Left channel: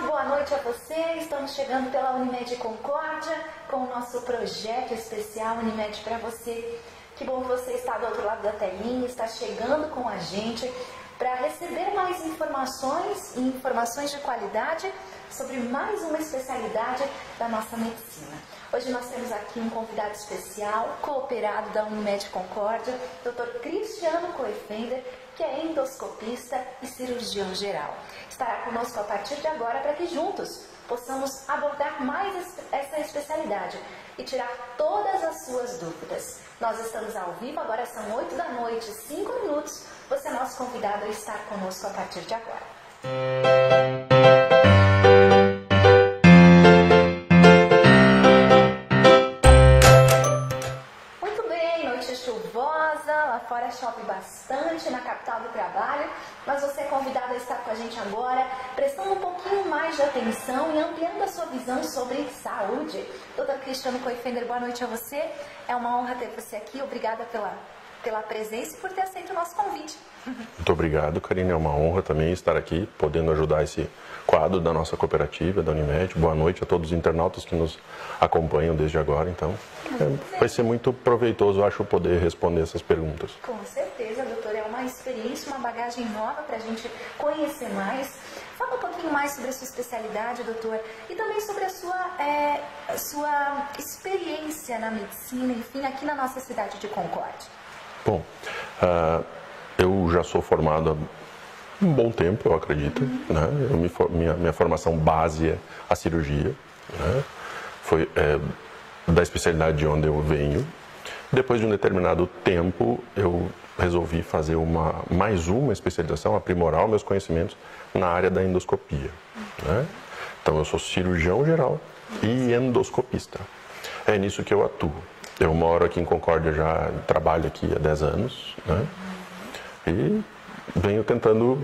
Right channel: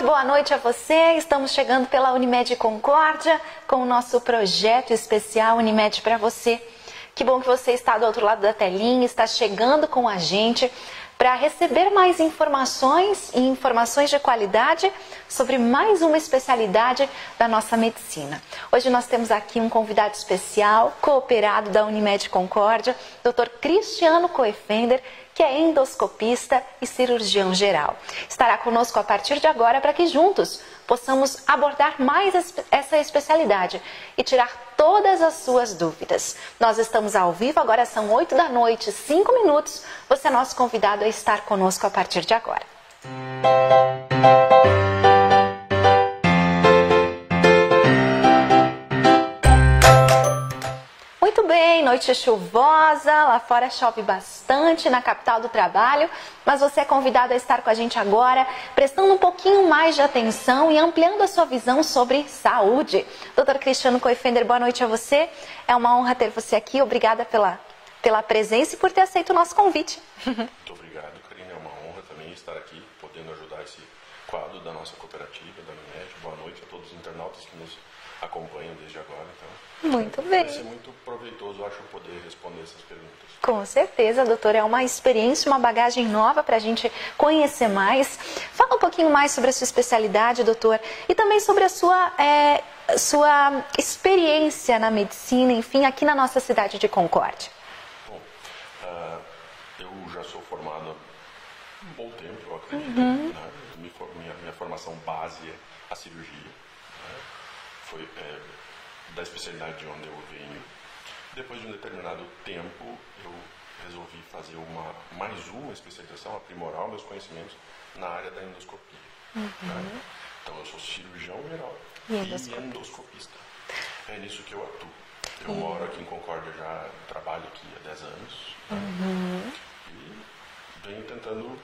muito boa noite a você. Estamos chegando pela Unimed Concórdia com o nosso projeto especial Unimed para você. Que bom que você está do outro lado da telinha, está chegando com a gente para receber mais informações e informações de qualidade sobre mais uma especialidade da nossa medicina. Hoje nós temos aqui um convidado especial, cooperado da Unimed Concórdia, Dr. Cristiano Coifender, que é endoscopista e cirurgião geral. Estará conosco a partir de agora para que juntos possamos abordar mais essa especialidade e tirar todas as suas dúvidas. Nós estamos ao vivo, agora são 8 da noite, 5 minutos. Você é nosso convidado a estar conosco a partir de agora. Muito bem, noite chuvosa, lá fora chove bastante na capital do trabalho, mas você é convidado a estar com a gente agora, prestando um pouquinho mais de atenção e ampliando a sua visão sobre saúde. Dr. Cristiano Coifender, boa noite a você. É uma honra ter você aqui, obrigada pela presença e por ter aceito o nosso convite. Muito obrigado, Karine. É uma honra também estar aqui, podendo ajudar esse quadro da nossa cooperativa, da Unimed. Boa noite a todos os internautas que nos acompanham desde agora. Então, vai ser muito proveitoso, acho, poder responder essas perguntas. Com certeza, doutor. É uma experiência, uma bagagem nova para a gente conhecer mais. Fala um pouquinho mais sobre a sua especialidade, doutor, e também sobre a sua experiência na medicina, enfim, aqui na nossa cidade de Concórdia. Bom, eu já sou formado há um bom tempo, eu acredito. Né? Minha formação base é a cirurgia. Né? Foi da especialidade de onde eu venho. Depois de um determinado tempo, eu resolvi fazer mais uma especialização, aprimorar os meus conhecimentos na área da endoscopia. Né? Então, eu sou cirurgião geral e endoscopista. É nisso que eu atuo. Eu moro aqui em Concórdia, já trabalho aqui há 10 anos, né? E venho tentando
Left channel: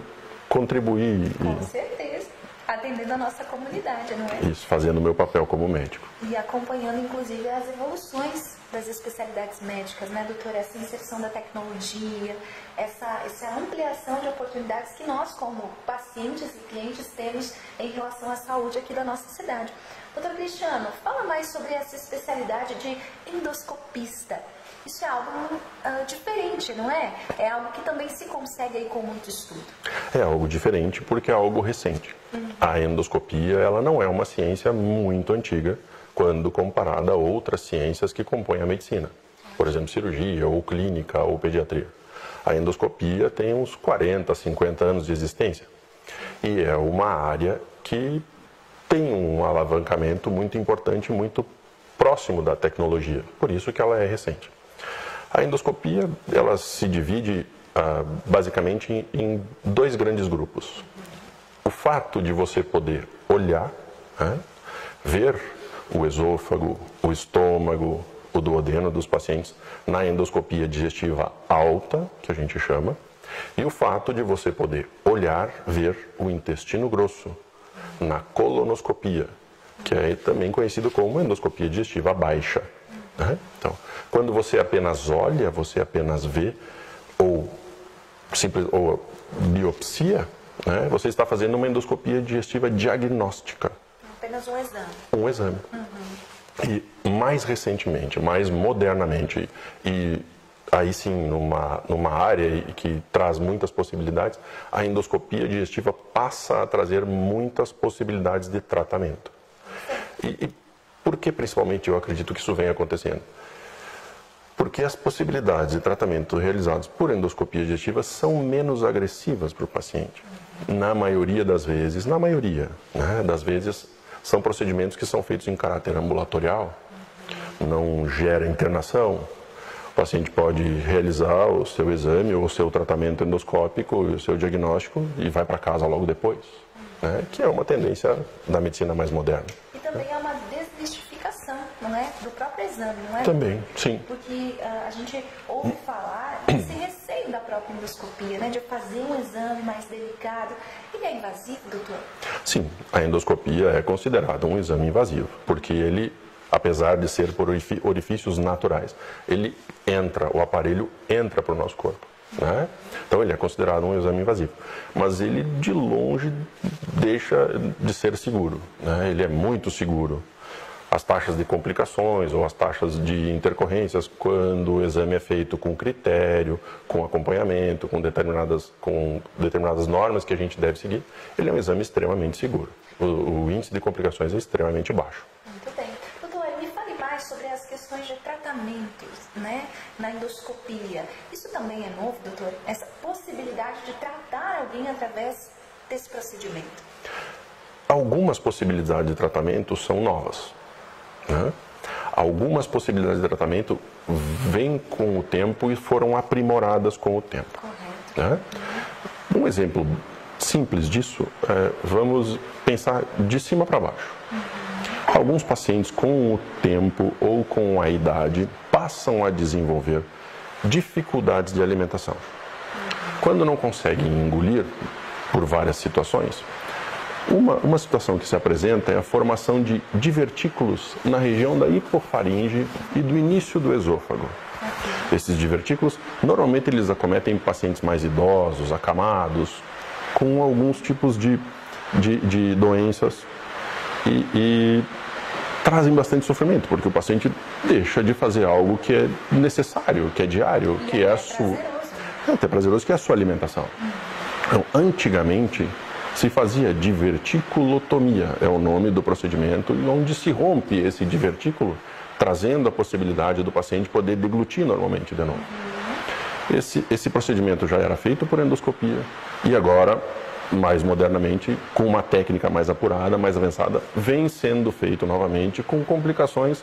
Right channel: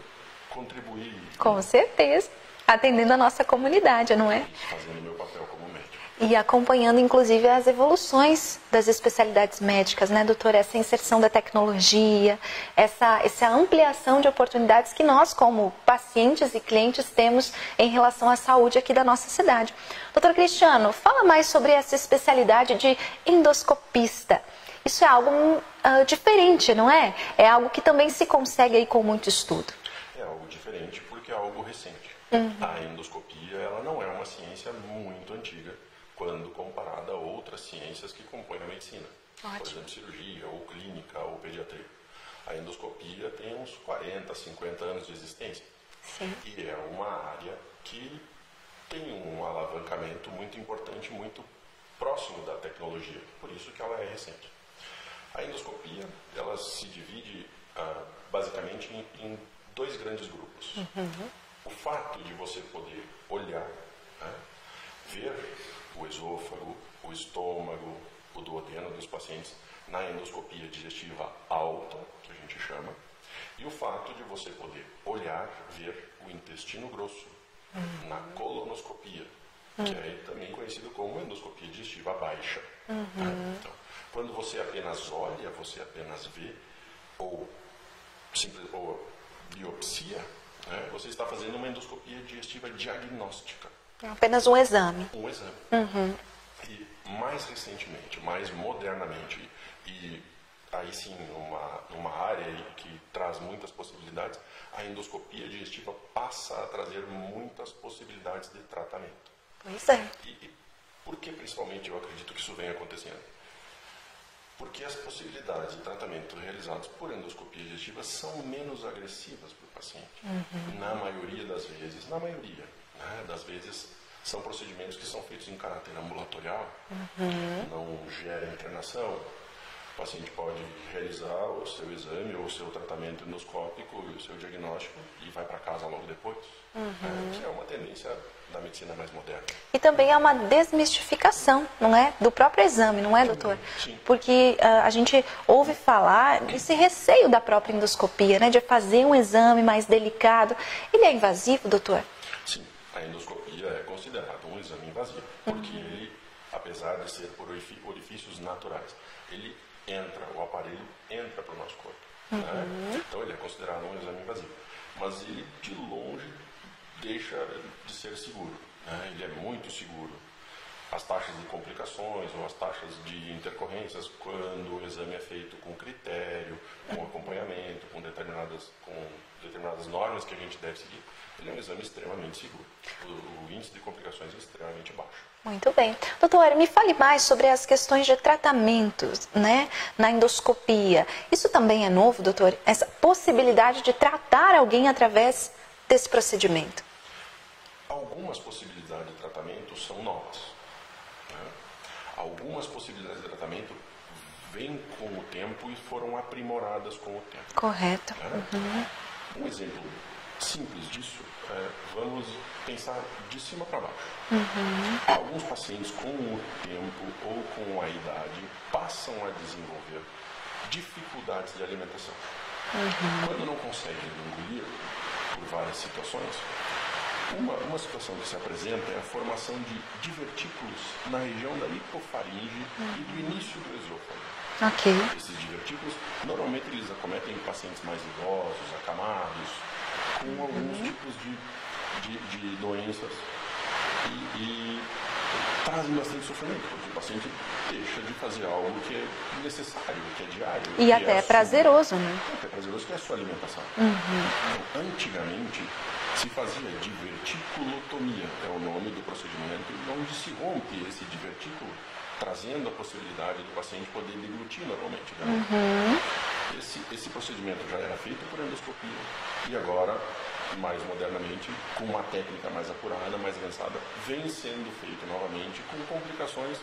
contribuir. Com certeza. Atendendo a nossa comunidade, não é? Isso, fazendo o meu papel como médico. E acompanhando, inclusive, as evoluções das especialidades médicas, né, doutor? Essa inserção da tecnologia, essa ampliação de oportunidades que nós, como pacientes e clientes, temos em relação à saúde aqui da nossa cidade. Doutor Cristiano, fala mais sobre essa especialidade de endoscopista. Isso é algo diferente, não é? É algo que também se consegue aí com muito estudo. É algo diferente porque é algo recente. A endoscopia, ela não é uma ciência muito antiga quando comparada a outras ciências que compõem a medicina. Por exemplo, cirurgia, ou clínica, ou pediatria. A endoscopia tem uns 40, 50 anos de existência. E é uma área que tem um alavancamento muito importante, muito próximo da tecnologia. Por isso que ela é recente. A endoscopia, ela se divide basicamente em dois grandes grupos. O fato de você poder olhar, né, ver o esôfago, o estômago, o duodeno dos pacientes na endoscopia digestiva alta, que a gente chama, e o fato de você poder olhar, ver o intestino grosso na colonoscopia, que é também conhecido como endoscopia digestiva baixa. Né? Então, quando você apenas olha, você apenas vê, ou biopsia, né? Você está fazendo uma endoscopia digestiva diagnóstica. Apenas um exame. Um exame. E mais recentemente, mais modernamente, e aí sim numa área que traz muitas possibilidades, a endoscopia digestiva passa a trazer muitas possibilidades de tratamento. E por que principalmente eu acredito que isso vem acontecendo? Porque as possibilidades de tratamento realizados por endoscopia digestiva são menos agressivas para o paciente. Na maioria das vezes, né, das vezes, são procedimentos que são feitos em caráter ambulatorial, não gera internação. O paciente pode realizar o seu exame ou o seu tratamento endoscópico e o seu diagnóstico e vai para casa logo depois. Né, que é uma tendência da medicina mais moderna. E também é uma desmistificação, não é? Do próprio exame, não é, também, doutor? Sim. Porque a gente ouve falar desse receio da própria endoscopia, né? De fazer um exame mais delicado. Ele é invasivo, doutor? Sim, a endoscopia é considerada um exame invasivo, porque ele, apesar de ser por orifícios naturais, o aparelho entra para o nosso corpo. né? Então ele é considerado um exame invasivo. Mas ele de longe deixa de ser seguro, né? Ele é muito seguro. As taxas de complicações ou as taxas de intercorrências, quando o exame é feito com critério, com acompanhamento, com determinadas normas que a gente deve seguir, ele é um exame extremamente seguro. O índice de complicações é extremamente baixo. Muito bem. Doutor, me fale mais sobre as questões de tratamentos, né, na endoscopia. Isso também é novo, doutor? Essa possibilidade de tratar alguém através desse procedimento? Algumas possibilidades de tratamento são novas, né? Algumas possibilidades de tratamento vêm com o tempo e foram aprimoradas com o tempo. Correto. Né? Um exemplo simples disso, vamos pensar de cima para baixo. Alguns pacientes, com o tempo ou com a idade, passam a desenvolver dificuldades de alimentação. Quando não conseguem engolir, por várias situações, uma situação que se apresenta é a formação de divertículos na região da hipofaringe e do início do esôfago. Ok. Esses divertículos, normalmente eles acometem pacientes mais idosos, acamados, com alguns tipos de doenças e trazem bastante sofrimento, porque o paciente deixa de fazer algo que é necessário, que é diário. E que até prazeroso, né? Até prazeroso, que é a sua alimentação. Então, antigamente, se fazia diverticulotomia, é o nome do procedimento, onde se rompe esse divertículo, trazendo a possibilidade do paciente poder deglutir normalmente de novo. Esse procedimento já era feito por endoscopia e agora, mais modernamente, com uma técnica mais apurada, mais avançada, vem sendo feito novamente com complicações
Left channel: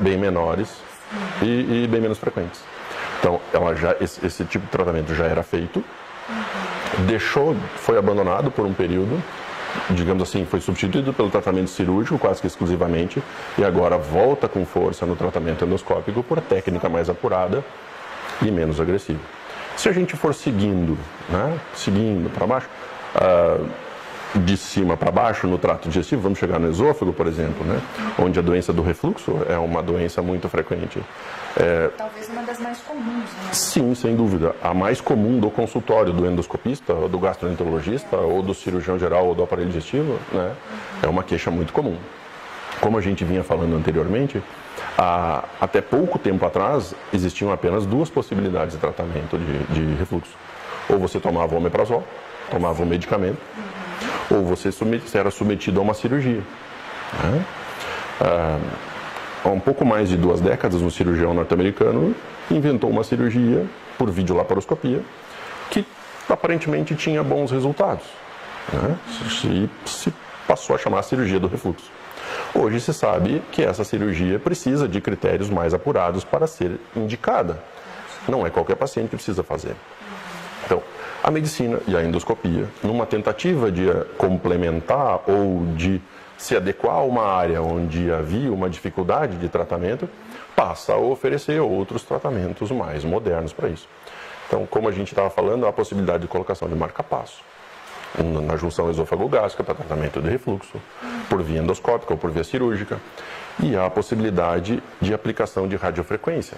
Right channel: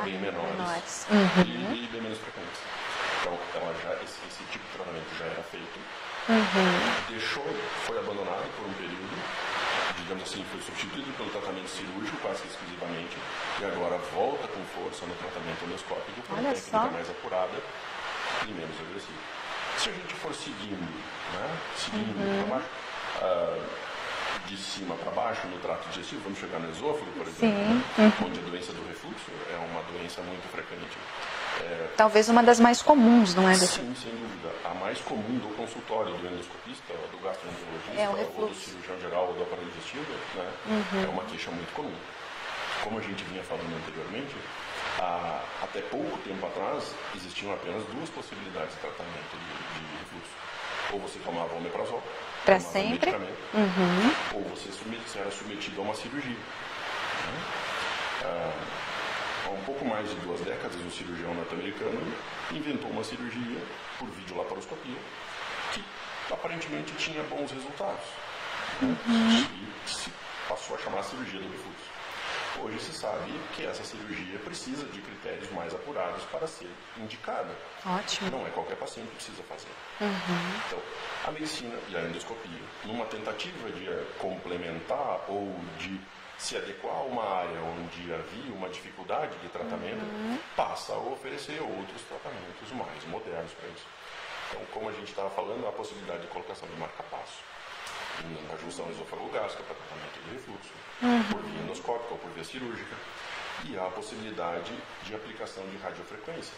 bem menores e bem menos frequentes. Então, esse tipo de tratamento já era feito, foi abandonado por um período, digamos assim, foi substituído pelo tratamento cirúrgico quase que exclusivamente e agora volta com força no tratamento endoscópico por técnica mais apurada e menos agressiva. Se a gente for seguindo, né, seguindo para baixo, de cima para baixo no trato digestivo, vamos chegar no esôfago, por exemplo, né, onde a doença do refluxo é uma doença muito frequente. Talvez uma das mais comuns, não é? Sim, sem dúvida. A mais comum do consultório do endoscopista, do gastroenterologista, ou do cirurgião geral ou do aparelho digestivo, né, é uma queixa muito comum. Como a gente vinha falando anteriormente, até pouco tempo atrás existiam apenas duas possibilidades de tratamento de refluxo. Ou você tomava o omeprazol, tomava um medicamento, ou você era submetido a uma cirurgia. Né? Há um pouco mais de 2 décadas, um cirurgião norte-americano inventou uma cirurgia por videolaparoscopia que aparentemente tinha bons resultados. Né? Se passou a chamar a cirurgia do refluxo. Hoje se sabe que essa cirurgia precisa de critérios mais apurados para ser indicada. Ótimo. Não é qualquer paciente que precisa fazer. Então, a medicina e a endoscopia, numa tentativa de complementar ou de se adequar a uma área onde havia uma dificuldade de tratamento, passa a oferecer outros tratamentos mais modernos para isso. Então, como a gente estava falando, há a possibilidade de colocação de marca-passo na junção esôfago-gástrica para tratamento de refluxo, por via endoscópica ou por via cirúrgica. E há a possibilidade de aplicação de radiofrequência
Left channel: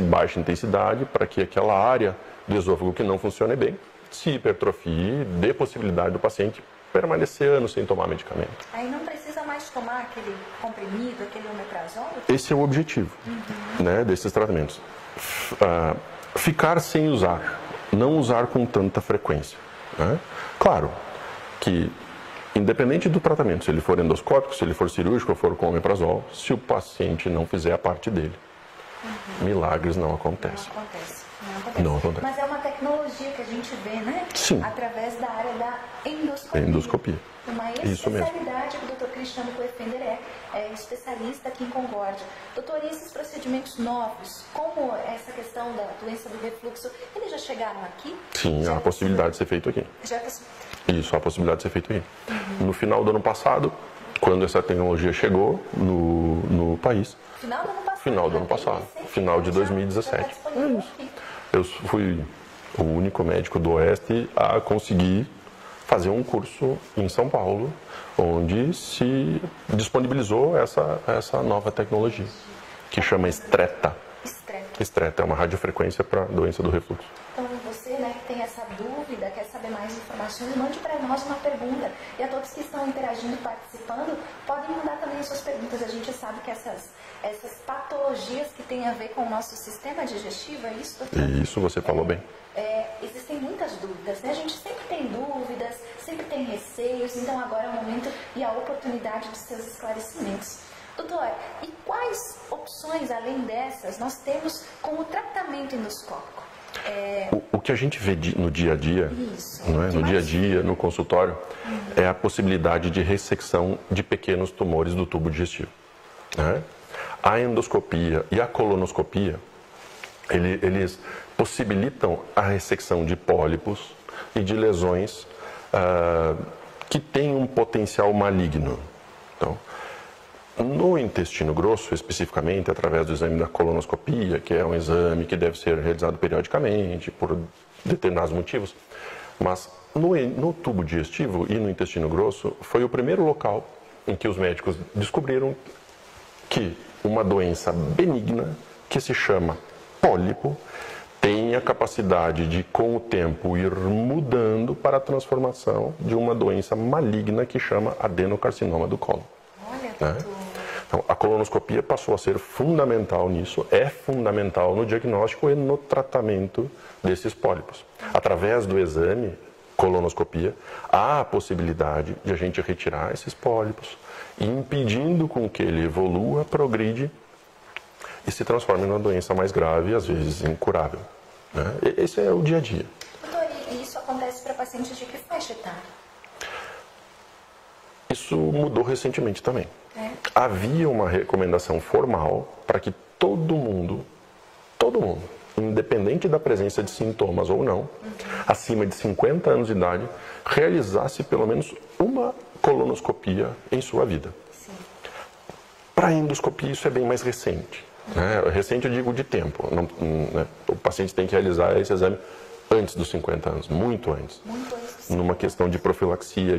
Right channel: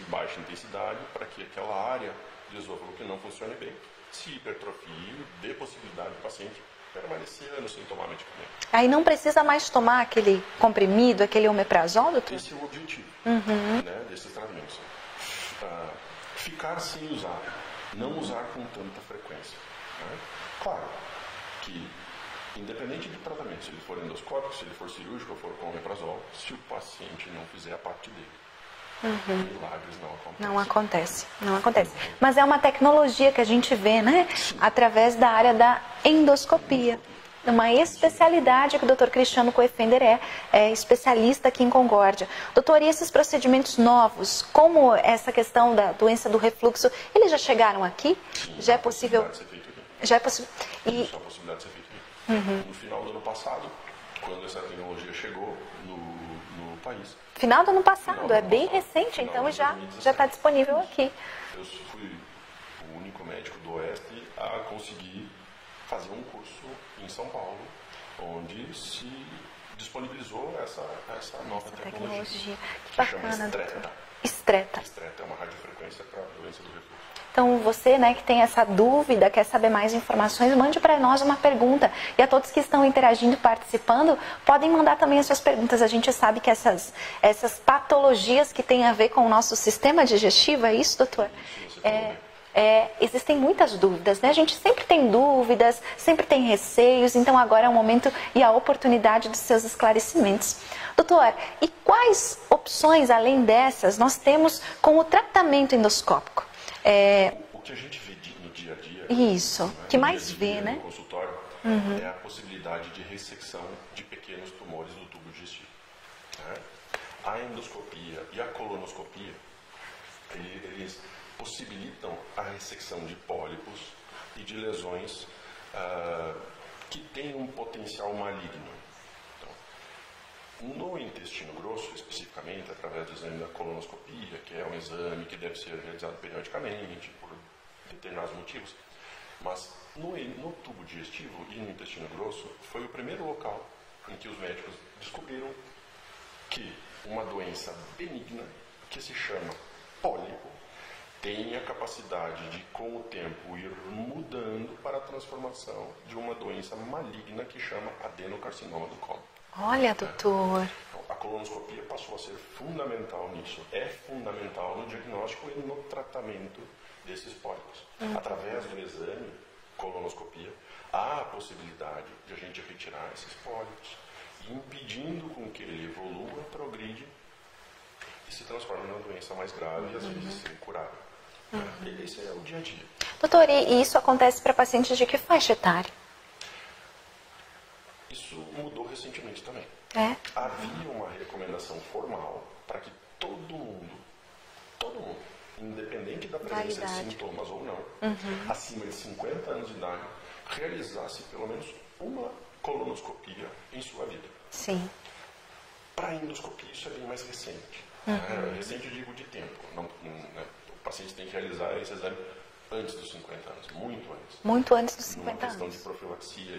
em baixa intensidade, para que aquela área do esôfago que não funcione bem se hipertrofie, dê possibilidade do paciente permanecer anos sem tomar medicamento. Aí não precisa mais tomar aquele comprimido, aquele omeprazol, doutor? Esse é o objetivo, né, desses tratamentos. Ficar sem usar, não usar com tanta frequência. Né? Claro que, independente do tratamento, se ele for endoscópico, se ele for cirúrgico ou for com omeprazol, se o paciente não fizer a parte dele, milagres não acontecem. Não acontece. Não acontece. Não acontece. Mas é uma tecnologia que a gente vê, né? Sim. Através da área da endoscopia. Endoscopia. Uma especialidade que o Dr. Cristiano Coefender é especialista aqui em Concórdia. Doutor, e esses procedimentos novos, como essa questão da doença do refluxo, eles já chegaram aqui? Sim, já há a possibilidade de ser feito aqui. Já é possível. Isso, há a possibilidade de ser feito aqui. No final do ano passado, quando essa tecnologia chegou no país. Final do ano passado, Final do ano bem passado, recente. final então de 2017. Já está disponível aqui. Eu fui o único médico do Oeste a conseguir fazer um curso em São Paulo, onde se disponibilizou essa nova tecnologia, que chama Stretta. Excreta. Excreta, é uma radiofrequência para doença do refluxo. Então, você, né, que tem essa dúvida, quer saber mais informações, mande para nós uma pergunta. E a todos que estão interagindo e participando, podem mandar também as suas perguntas. A gente sabe que essas patologias que têm a ver com o nosso sistema digestivo, é isso, doutor? Isso, você falou bem. Existem muitas dúvidas, né? A gente sempre tem dúvidas, sempre tem receios, então agora é o momento e a oportunidade dos seus esclarecimentos. Doutor, e quais opções, além dessas, nós temos com o tratamento endoscópico? O que a gente vê no dia a dia, Isso, não é? Que No dia a mais dia, vê, né? no consultório, é a possibilidade de ressecção de pequenos tumores do tubo digestivo. Né? A endoscopia e a colonoscopia, eles possibilitam a ressecção de pólipos e de lesões que têm um potencial maligno. Então, no intestino grosso, especificamente, através do exame da colonoscopia, que é um exame que deve ser realizado periodicamente por determinados motivos, mas no tubo digestivo e no intestino grosso foi o primeiro local em que os médicos descobriram que uma doença benigna, que se chama pólipo, tem a capacidade de, com o tempo, ir mudando para a transformação de uma doença maligna que chama adenocarcinoma do colo. Olha, doutor. Então, a colonoscopia passou a ser fundamental nisso, é fundamental no diagnóstico e no tratamento desses pólipos. Através do exame, colonoscopia, há a possibilidade de a gente retirar esses pólipos, impedindo com que ele evolua, progride e se transforme numa doença mais grave e às vezes incurável. Né? Esse é o dia a dia. Doutor, e isso acontece para pacientes de que faixa etária? Isso mudou recentemente também. Havia uma recomendação formal para que todo mundo, independente da presença de sintomas ou não, acima de 50 anos de idade, realizasse pelo menos uma colonoscopia em sua vida. Sim. Para a endoscopia isso é bem mais recente. Recente eu digo de tempo. O paciente tem que realizar esse exame antes dos 50 anos, muito antes. Muito antes dos 50 Numa questão de profilaxia,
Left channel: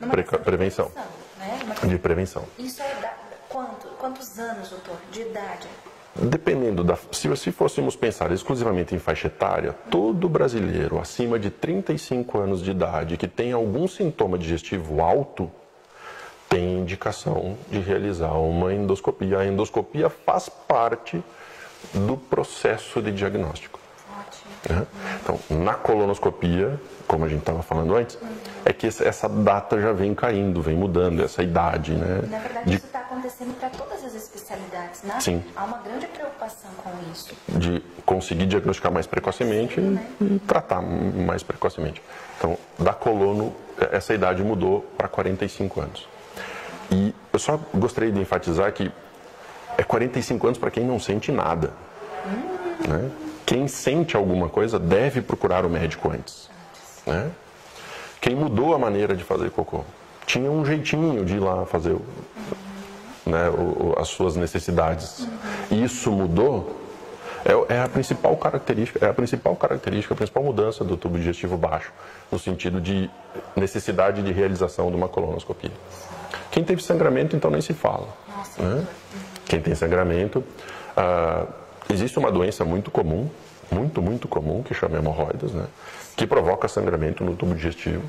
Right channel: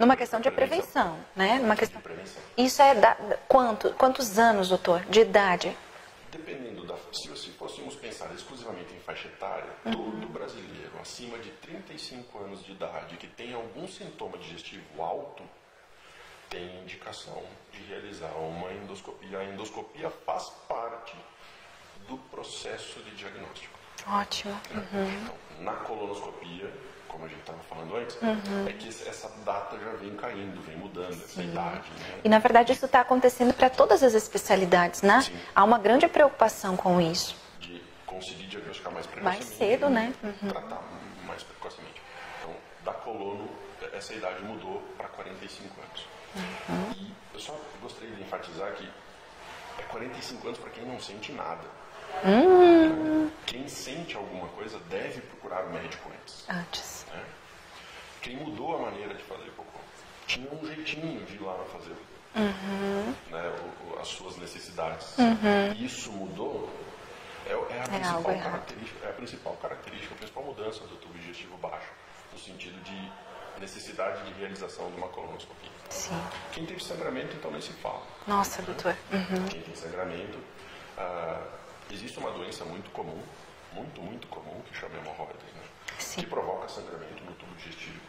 Numa questão de prevenção, né? Numa questão... De prevenção. Isso é quantos anos, doutor, de idade? Dependendo se fôssemos pensar exclusivamente em faixa etária, todo brasileiro acima de 35 anos de idade que tem algum sintoma digestivo alto tem indicação de realizar uma endoscopia. A endoscopia faz parte do processo de diagnóstico. Ótimo. Então, na colonoscopia, como a gente estava falando antes, é que essa data já vem caindo, vem mudando, essa idade, né? E na verdade isso está acontecendo para todas as especialidades, né? Sim. Há uma grande preocupação com isso. De conseguir diagnosticar mais precocemente cedo, né? E tratar mais precocemente. Então, da colono, essa idade mudou para 45 anos. E eu só gostaria de enfatizar que é 45 anos para quem não sente nada. Né? Quem sente alguma coisa deve procurar o médico antes. Né? Quem mudou a maneira de fazer cocô tinha um jeitinho de ir lá fazer né, as suas necessidades. Isso mudou. É a principal característica, a principal mudança do tubo digestivo baixo, no sentido de necessidade de realização de uma colonoscopia. Sim. Quem teve sangramento, então nem se fala. Nossa, né? doutor. Quem tem sangramento, existe uma doença muito comum, muito comum, que chama hemorroidas, né? Que provoca sangramento no tubo digestivo,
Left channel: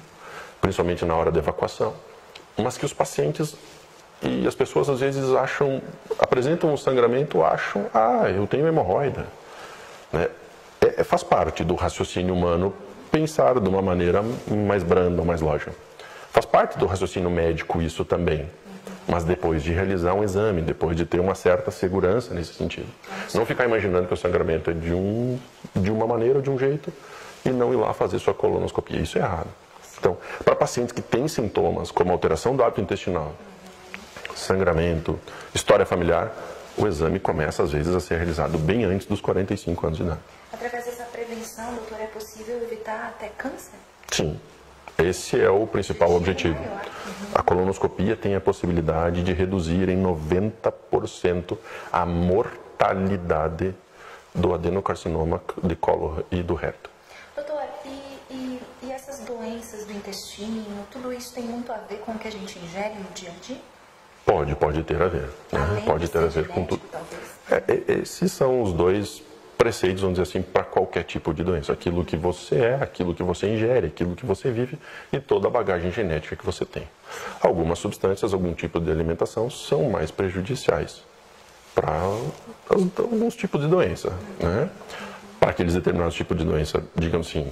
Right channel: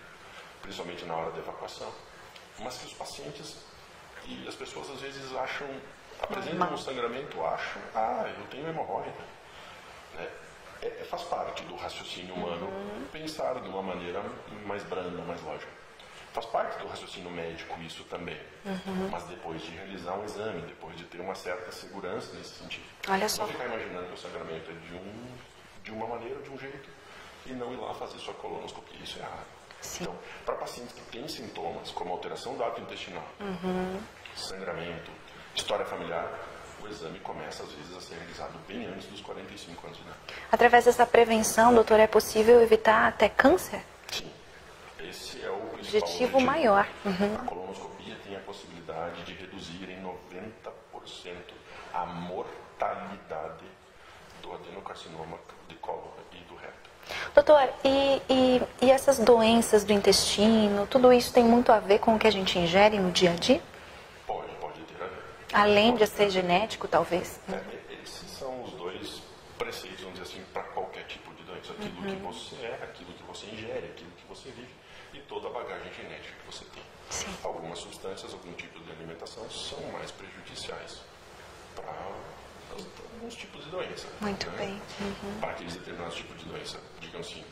principalmente na hora da evacuação, mas que os pacientes e as pessoas às vezes apresentam um sangramento, acham, eu tenho hemorroida. Né? Faz parte do raciocínio humano pensar de uma maneira mais branda, mais lógica. Faz parte do raciocínio médico isso também, mas depois de realizar um exame, depois de ter uma certa segurança nesse sentido. Não ficar imaginando que o sangramento é de uma maneira ou de um jeito e não ir lá fazer sua colonoscopia. Isso é errado. Então, para pacientes que têm sintomas como alteração do hábito intestinal, sangramento, história familiar, o exame começa às vezes a ser realizado bem antes dos 45 anos de idade. Através dessa prevenção, doutor, é possível evitar até câncer? Sim. Esse é o principal objetivo. Maior. A colonoscopia tem a possibilidade de reduzir em 90% a mortalidade do adenocarcinoma de colo e do reto. Doutor, e essas doenças do intestino, tudo isso tem muito a ver com o que a gente ingere no dia a dia? Pode ter a ver. Além Pode de ter a ser ver com genético, tudo. talvez. Esses são os dois preceitos, vamos dizer assim, para qualquer tipo de doença. Aquilo que você é, aquilo que você ingere, aquilo que você vive e toda a bagagem genética que você tem. Algumas substâncias, algum tipo de alimentação são mais prejudiciais para alguns tipos de doença. Muito né? bem. Para aqueles determinados tipos de doença, digamos assim,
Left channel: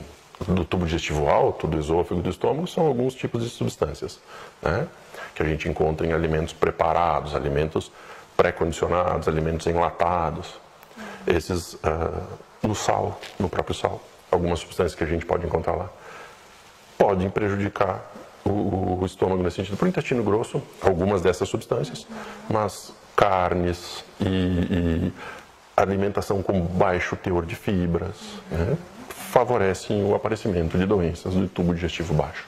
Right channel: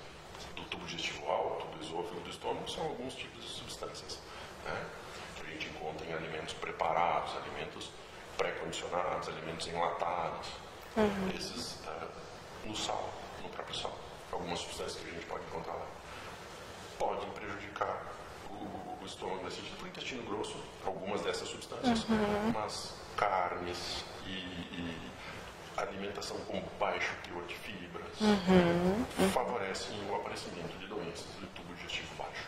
do tubo digestivo alto, do esôfago, do estômago, são alguns tipos de substâncias, né? Que a gente encontra em alimentos preparados, alimentos pré-condicionados, alimentos enlatados. Esses no sal, no próprio sal, algumas substâncias que a gente pode encontrar lá, podem prejudicar o estômago nesse sentido. Para o intestino grosso, algumas dessas substâncias, mas carnes e alimentação com baixo teor de fibras né, favorecem o aparecimento de doenças do tubo digestivo baixo.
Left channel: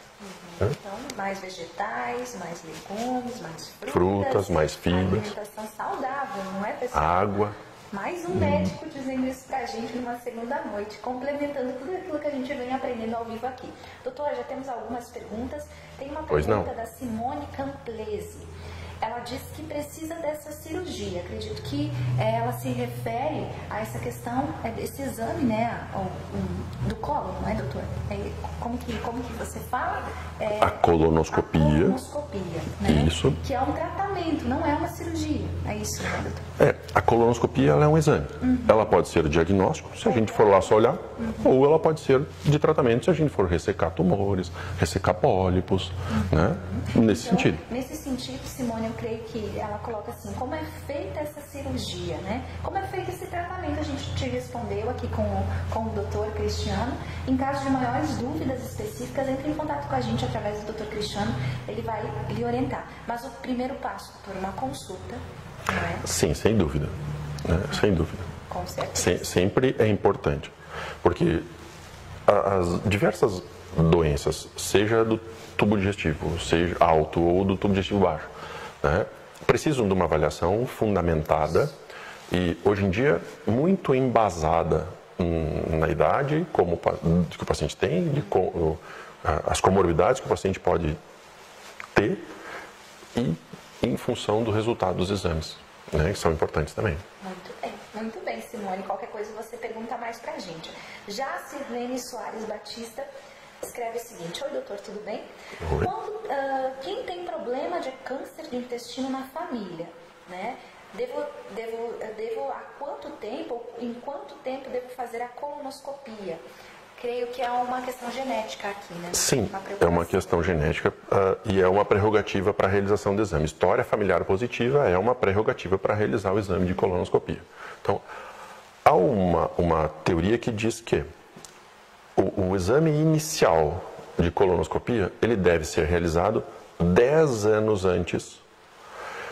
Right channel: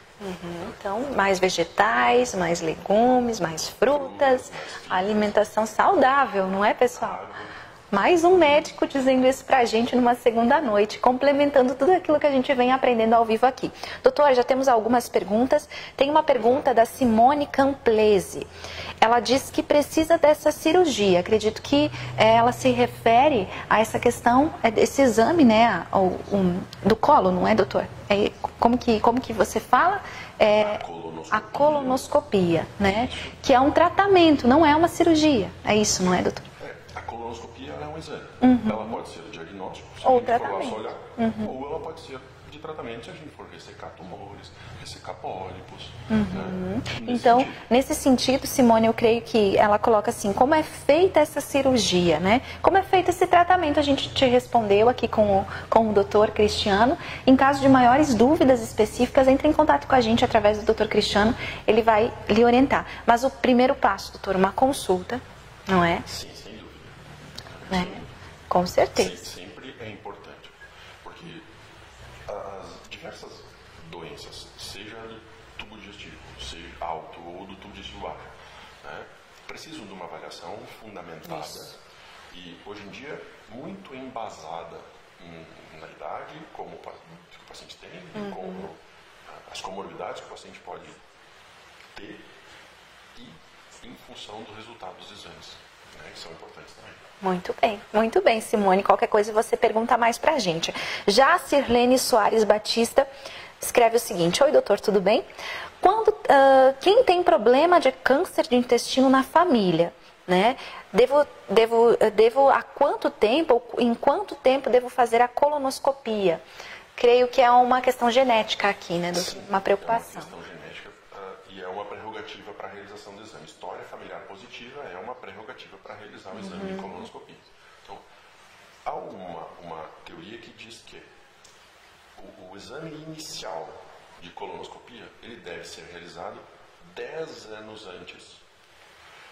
Então, mais vegetais, mais legumes, mais frutas, mais fibras. Alimentação saudável, não é, pessoal? Água. Mais um médico dizendo isso pra gente numa segunda noite, complementando tudo aquilo que a gente vem aprendendo ao vivo aqui. Doutor, já temos algumas perguntas. Tem uma pergunta da Simone Camplese. Ela diz que precisa dessa cirurgia. Acredito que ela se refere a essa questão, esse exame, né, do colo, não é, doutor? Como que você fala? A colonoscopia. A colonoscopia, né? Isso. Que é um tratamento, não é uma cirurgia. É isso, não é, doutor? A colonoscopia ela é um exame. Ela pode ser diagnóstico, se a gente for lá só olhar, ou ela pode ser de tratamento, se a gente for ressecar tumores, ressecar pólipos, né? Nesse sentido. Nesse sentido, Simone, eu creio que ela coloca assim, como é feita essa cirurgia, né? Como é feito esse tratamento? A gente te respondeu aqui com o doutor Cristiano. Em caso de maiores dúvidas específicas, entre em contato com a gente através do doutor Cristiano, ele vai lhe orientar. Mas o primeiro passo, doutor, uma consulta, não é? Sim, sem dúvida. Né? Sem dúvida. Com certeza. Sempre é importante, porque as diversas doenças, seja do tubo digestivo, seja alto ou do tubo digestivo baixo, né, precisam de uma avaliação fundamentada e, hoje em dia, muito embasada na idade que o paciente tem, as comorbidades que o paciente pode ter e em função do resultado dos exames, né, que são importantes também. Muito bem, Simone. Qualquer coisa você pergunta mais pra gente. Já a Sirlene Soares Batista escreve o seguinte: oi, doutor, tudo bem? Oi. Quem tem problema de câncer de intestino na família, né? Devo há quanto tempo, ou em quanto tempo devo fazer a colonoscopia? Creio que é uma questão genética aqui, né, doutor? Sim, uma preocupação. é uma questão genética e é uma prerrogativa para a realização do exame. História familiar positiva é uma prerrogativa para realizar o exame de colonoscopia. Então, há uma teoria que diz que o exame inicial de colonoscopia, ele deve ser realizado 10 anos antes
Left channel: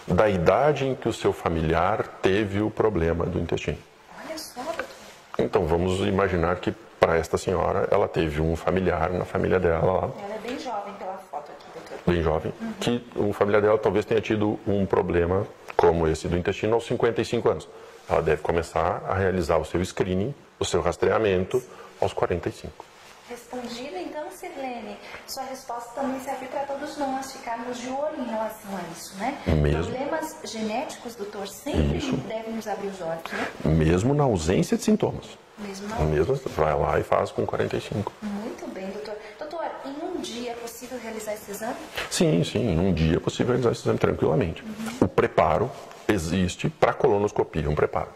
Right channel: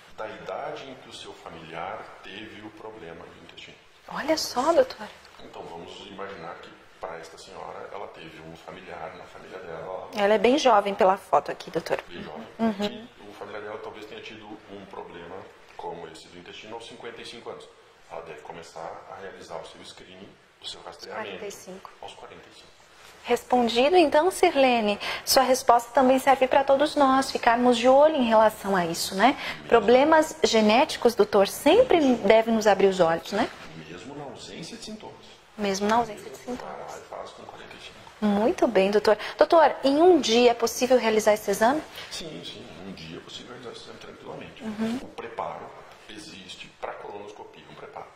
da idade em que o seu familiar teve o problema do intestino. Olha só, doutor. Então, vamos imaginar que para esta senhora, ela teve um familiar na família dela lá. Ela é bem jovem pela foto aqui, doutor. Bem jovem. Que o familiar dela talvez tenha tido um problema como esse do intestino aos 55 anos. Ela deve começar a realizar o seu screening, o seu rastreamento aos 45. Respondido, então, Sirlene, sua resposta também serve para todos nós ficarmos de olho em relação a isso, né? Mesmo. Problemas genéticos, doutor, sempre devem nos abrir os olhos, né? Mesmo na ausência de sintomas. Mesmo na ausência de sintomas. Vai lá e faz com 45. Muito bem, doutor. Doutor, em um dia é possível realizar esse exame? Sim, em um dia é possível realizar esse exame tranquilamente. O preparo existe para a colonoscopia, um preparo.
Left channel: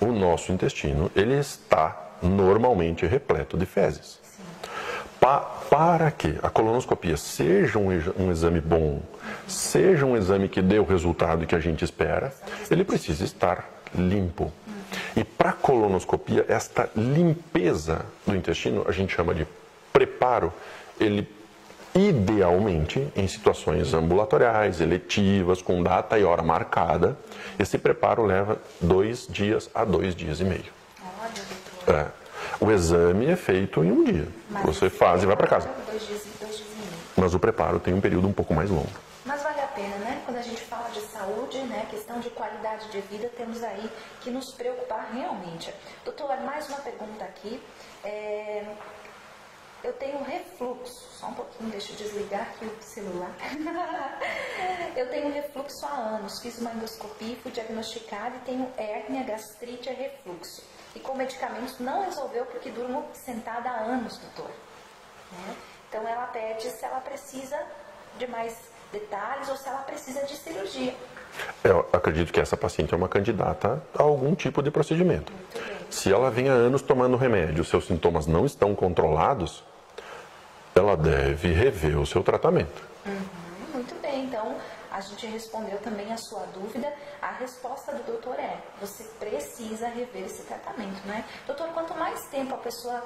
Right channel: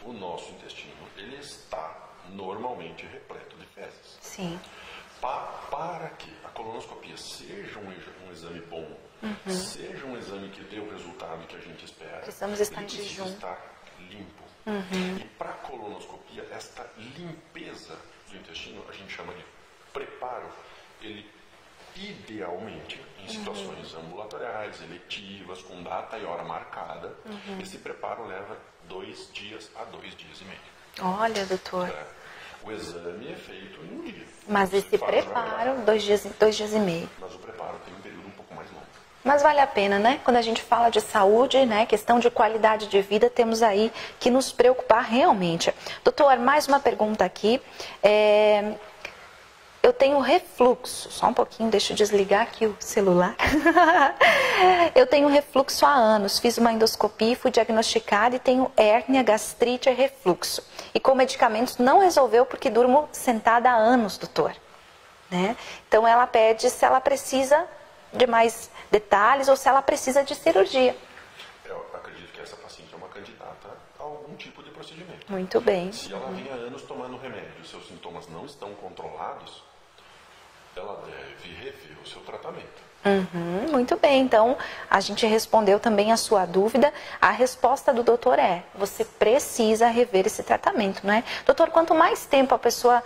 O nosso intestino, ele está normalmente repleto de fezes. Sim. Para que a colonoscopia seja um exame bom, seja um exame que dê o resultado que a gente espera, ele precisa estar limpo. E para a colonoscopia, esta limpeza do intestino, a gente chama de preparo, ele idealmente, em situações ambulatoriais, eletivas, com data e hora marcada, esse preparo leva 2 dias a 2 dias e meio. Olha, doutor. O exame é feito em um dia. Mas você faz e vai para casa. 2 dias e meio. Mas o preparo tem um período um pouco mais longo. Mas vale a pena, né? Quando a gente fala de saúde, né, questão de qualidade de vida, temos aí que nos preocupar realmente. Doutor, mais uma pergunta aqui. eu tenho refluxo. Só um pouquinho, deixa eu desligar aqui o celular. Eu tenho refluxo há anos. Fiz uma endoscopia e fui diagnosticada e tenho hérnia, gastrite e refluxo. E com medicamentos não resolveu porque durmo sentada há anos, doutor. Né? Então ela pede se ela precisa de mais detalhes ou se ela precisa de cirurgia. Eu acredito que essa paciente é uma candidata a algum tipo de procedimento. Muito bem. Se ela vem há anos tomando remédio, seus sintomas não estão controlados, ela deve rever o seu tratamento. Muito bem, então a gente respondeu também a sua dúvida. A resposta do doutor é: você precisa rever esse tratamento, né? Doutor, quanto mais tempo a pessoa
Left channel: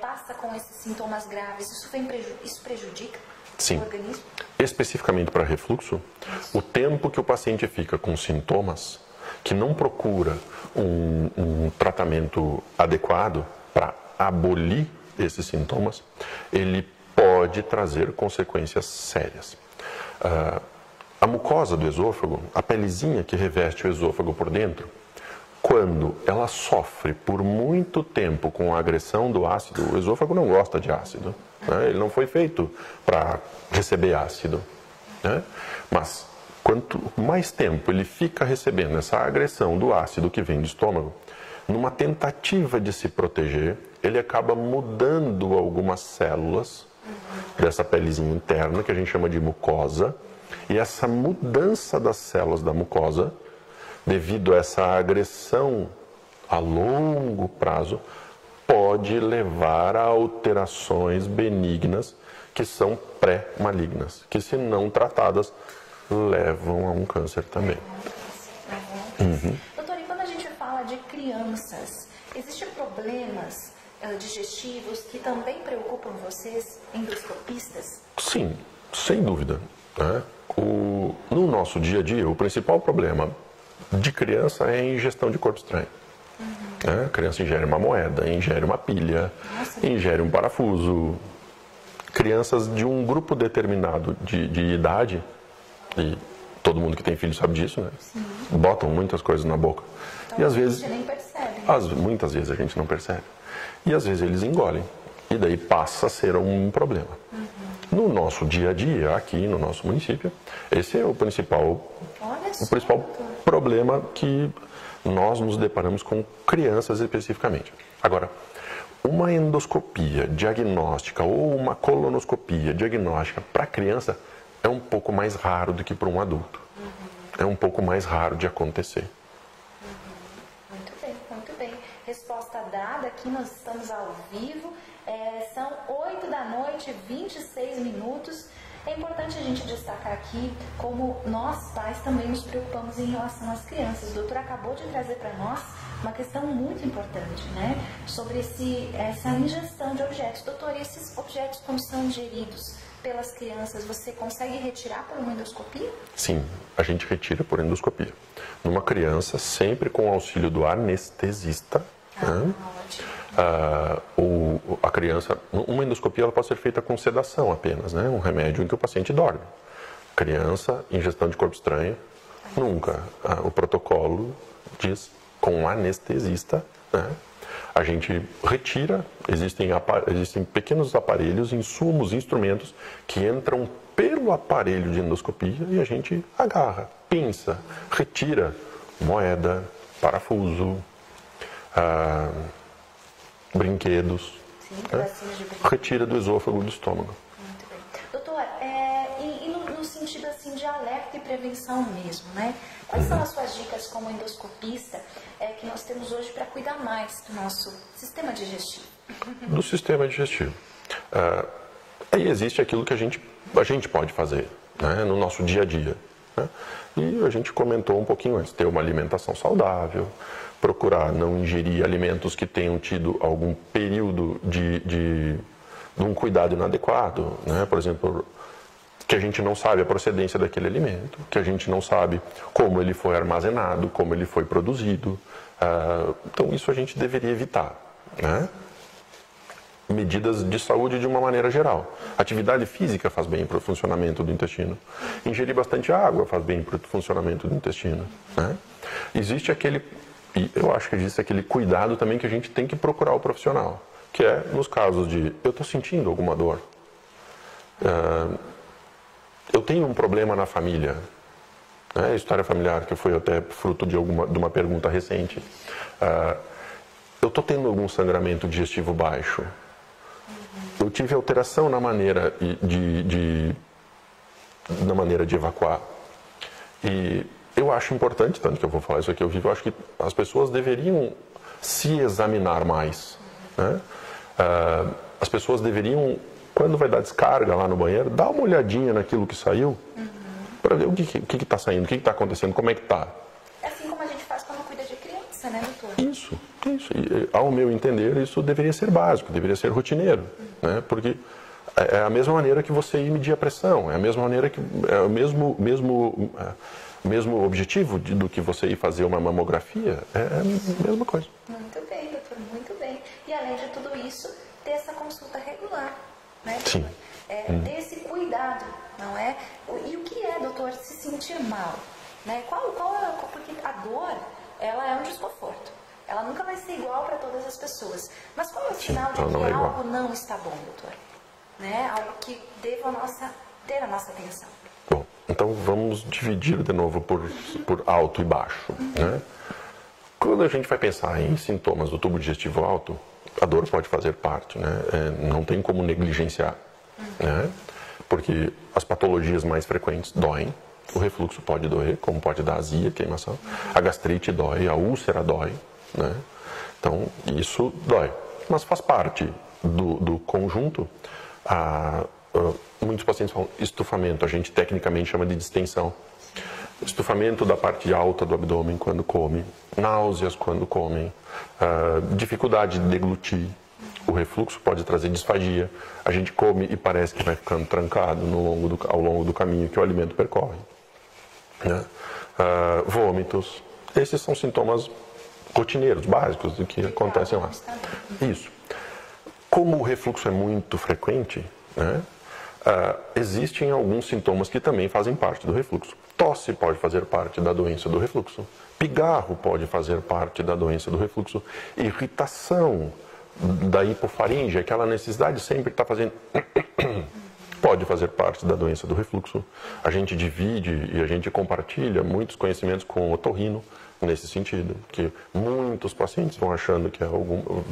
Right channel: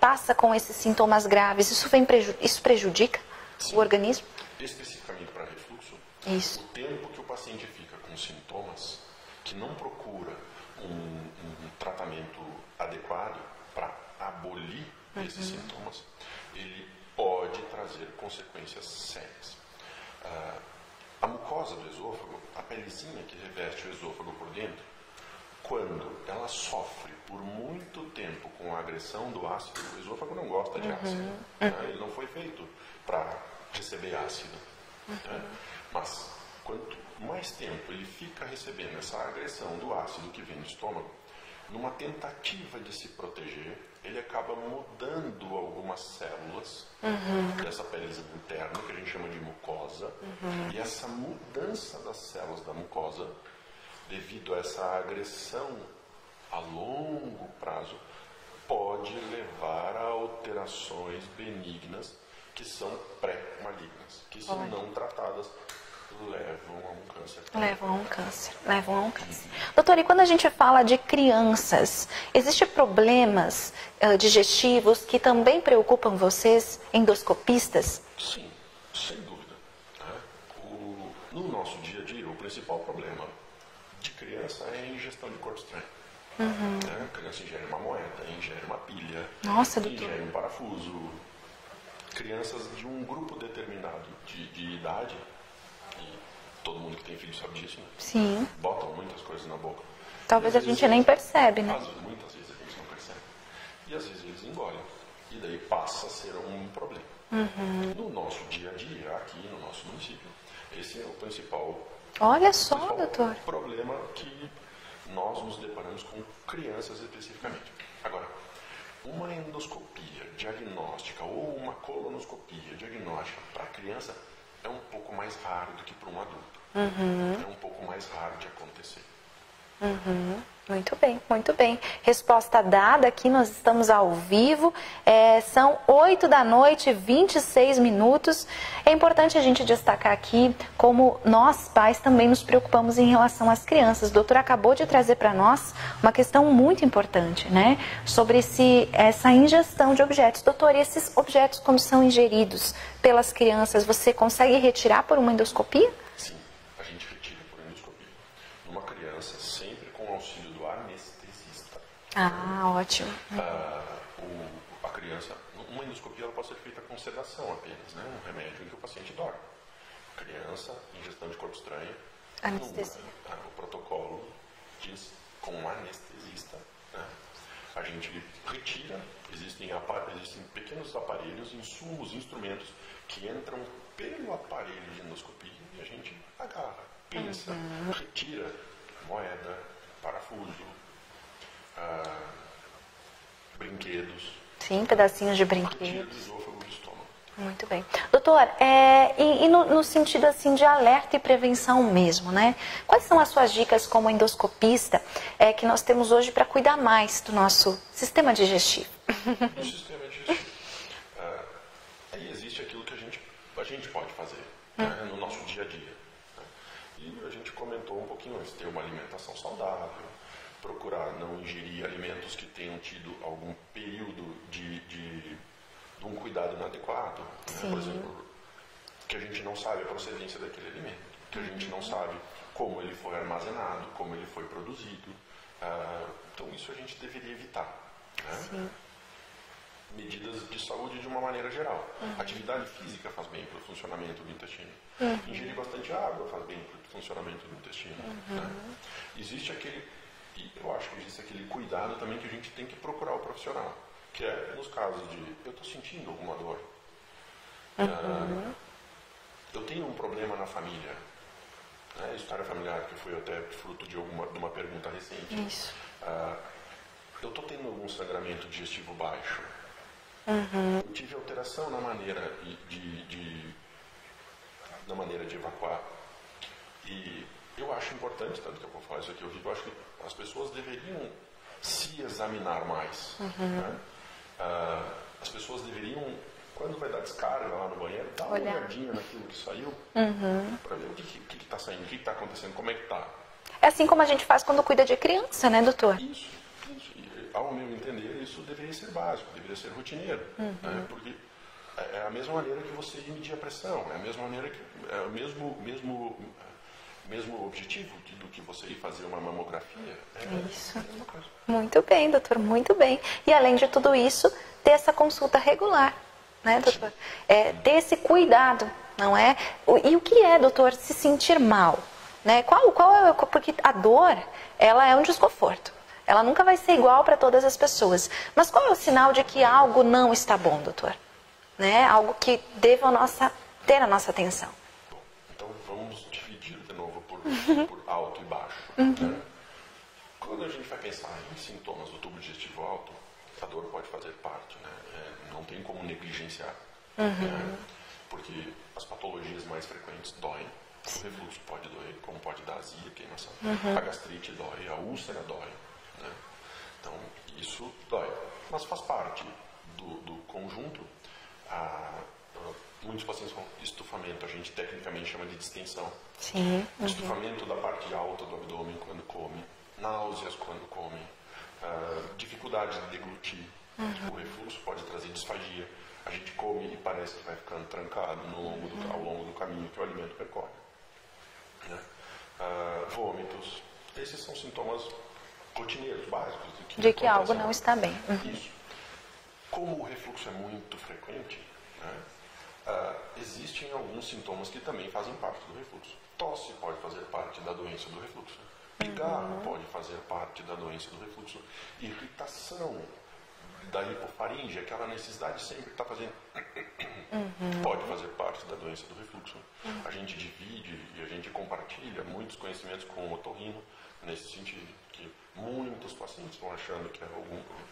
passa com esses sintomas graves, isso prejudica Sim. o organismo? Especificamente para refluxo, Isso. o tempo que o paciente fica com sintomas, que não procura um tratamento adequado para abolir esses sintomas, ele pode trazer consequências sérias. A mucosa do esôfago, a pelezinha que reveste o esôfago por dentro, quando ela sofre por muito tempo com a agressão do ácido, o esôfago não gosta de ácido, né? Ele não foi feito para receber ácido, né? Mas quanto mais tempo ele fica recebendo essa agressão do ácido que vem do estômago, numa tentativa de se proteger, ele acaba mudando algumas células dessa pelezinha interna, que a gente chama de mucosa, e essa mudança das células da mucosa, devido a essa agressão a longo prazo, pode levar a alterações benignas que são pré-malignas, que se não tratadas levam a um câncer também. Levam a um câncer. Doutor, e quando a gente fala de crianças, existem problemas digestivos que também preocupam vocês, endoscopistas? Sim, sem dúvida, né? No nosso dia a dia, o principal problema de criança é a ingestão de corpo estranho. A criança ingere uma moeda, ingere uma pilha, ingere um parafuso. Crianças de um grupo determinado de idade, e todo mundo que tem filho sabe disso, né? Sim. Botam muitas coisas na boca. Talvez a gente nem percebe, né? Muitas vezes a gente não percebe. E às vezes eles engolem. E daí passa a ser um problema. No nosso dia a dia, aqui no nosso município, esse é o principal, doutor, problema que nós nos deparamos com crianças especificamente. Agora, uma endoscopia diagnóstica ou uma colonoscopia diagnóstica para criança é um pouco mais raro do que para um adulto. É um pouco mais raro de acontecer. Muito bem, muito bem. Resposta dada, aqui nós estamos ao vivo. São 8h26. É importante a gente destacar aqui como nós, pais, também nos preocupamos em relação às crianças. O doutor acabou de trazer para nós uma questão muito importante, né? Sobre essa ingestão de objetos. Doutor, e esses objetos, quando são ingeridos pelas crianças, você consegue retirar por uma endoscopia? Sim, a gente retira por endoscopia. Numa criança, sempre com o auxílio do anestesista. Ótimo. A criança, uma endoscopia ela pode ser feita com sedação apenas, né? Um remédio em que o paciente dorme. Criança, ingestão de corpo estranho, nunca. O protocolo diz com anestesista, né? A gente retira, existem pequenos aparelhos, insumos, instrumentos que entram pelo aparelho de endoscopia e a gente agarra, pinça, retira moeda, parafuso, brinquedos. Sim, pedacinhos de brinquedo. Retira do esôfago do estômago. Muito bem. Doutor, no sentido assim de alerta e prevenção mesmo, né? Quais são as suas dicas como endoscopista que nós temos hoje para cuidar mais do nosso sistema digestivo? Do sistema digestivo. Aí existe aquilo que a gente pode fazer, né, no nosso dia a dia, né? E a gente comentou um pouquinho antes, ter uma alimentação saudável, procurar não ingerir alimentos que tenham tido algum período de um cuidado inadequado, né? Por exemplo, que a gente não sabe a procedência daquele alimento, que a gente não sabe como ele foi armazenado, como ele foi produzido. Então isso a gente deveria evitar, né? Medidas de saúde de uma maneira geral. Atividade física faz bem para o funcionamento do intestino. Ingerir bastante água faz bem para o funcionamento do intestino, né? E eu acho que existe aquele cuidado também que a gente tem que procurar o profissional, que é nos casos de eu estou sentindo alguma dor, eu tenho um problema na família, né? História familiar, que foi até fruto de uma pergunta recente. Eu estou tendo algum sangramento digestivo baixo. Eu tive alteração na maneira na maneira de evacuar. E eu acho importante, tanto que eu vou falar isso aqui ao vivo, eu acho que as pessoas deveriam se examinar mais. Né? As pessoas deveriam, quando vai dar descarga lá no banheiro, dar uma olhadinha naquilo que saiu, para ver o que está saindo, o que está acontecendo, como é que está. É assim como a gente faz quando cuida de criança, né, doutor? Isso. E, ao meu entender, isso deveria ser básico, deveria ser rotineiro, né? Porque é a mesma maneira que você ir medir a pressão, é a mesma maneira que é o mesmo objetivo do que você ir fazer uma mamografia, é a mesma coisa. Muito bem, doutor, muito bem. E além de tudo isso, ter essa consulta regular, né, doutor? Ter esse cuidado, não é? E o que é, doutor, se sentir mal? Né? Porque a dor, ela é um desconforto. Ela nunca vai ser igual para todas as pessoas. Mas qual é o sinal de que algo não está bom, doutor? Né? Algo que deva ter a nossa atenção. Bom, então vamos dividir de novo por alto e baixo. Né? Quando a gente vai pensar em sintomas do tubo digestivo alto, a dor pode fazer parte, né? Não tem como negligenciar. Né? Porque as patologias mais frequentes doem. O refluxo pode doer, como pode dar azia, queimação. A gastrite dói, a úlcera dói. Né? Então, isso dói. Mas faz parte do conjunto. Muitos pacientes falam estufamento, a gente tecnicamente chama de distensão. Sim. Estufamento da parte alta do abdômen quando come, náuseas quando comem, dificuldade de deglutir. O refluxo pode trazer disfagia. A gente come e parece que vai ficando trancado ao longo do caminho que o alimento percorre. Né? Vômitos. Esses são sintomas rotineiros, básicos do que acontece algo não está bem. Isso. Como o refluxo é muito frequente, né, existem alguns sintomas que também fazem parte do refluxo. Tosse pode fazer parte da doença do refluxo. Pigarro pode fazer parte da doença do refluxo. Irritação da hipofaringe, aquela necessidade de sempre estar fazendo... pode fazer parte da doença do refluxo. A gente divide e a gente compartilha muitos conhecimentos com o otorrino nesse sentido, que muitos pacientes vão achando que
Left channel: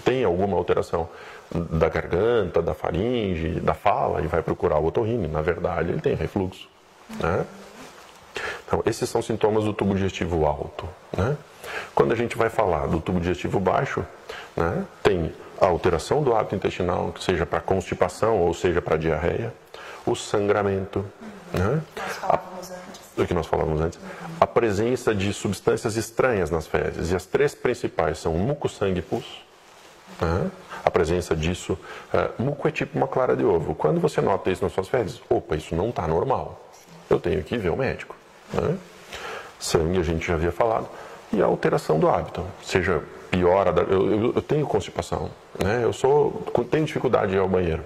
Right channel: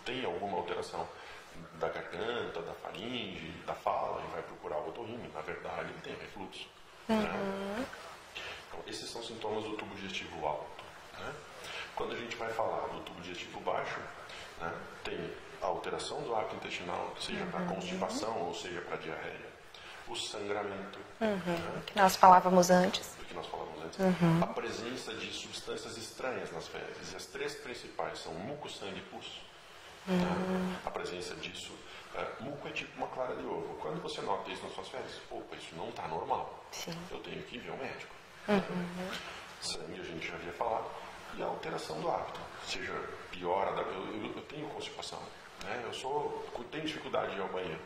tem alguma alteração da garganta, da faringe, da fala e vai procurar o otorrino. Na verdade, ele tem refluxo. Né? Então, esses são sintomas do tubo digestivo alto. Né? Quando a gente vai falar do tubo digestivo baixo, né, tem a alteração do hábito intestinal, que seja para constipação ou seja para diarreia, o sangramento. Né? Nós falávamos antes. Do que nós falávamos antes. A presença de substâncias estranhas nas fezes. E as três principais são muco, sangue e pus. Né? A presença disso. Muco é tipo uma clara de ovo. Quando você nota isso nas suas fezes, opa, isso não está normal. Sim. Eu tenho que ir ver o médico. Né? Sangue a gente já havia falado. E a alteração do hábito. Seja piora. Eu tenho constipação. Né? Tenho dificuldade de ir ao banheiro.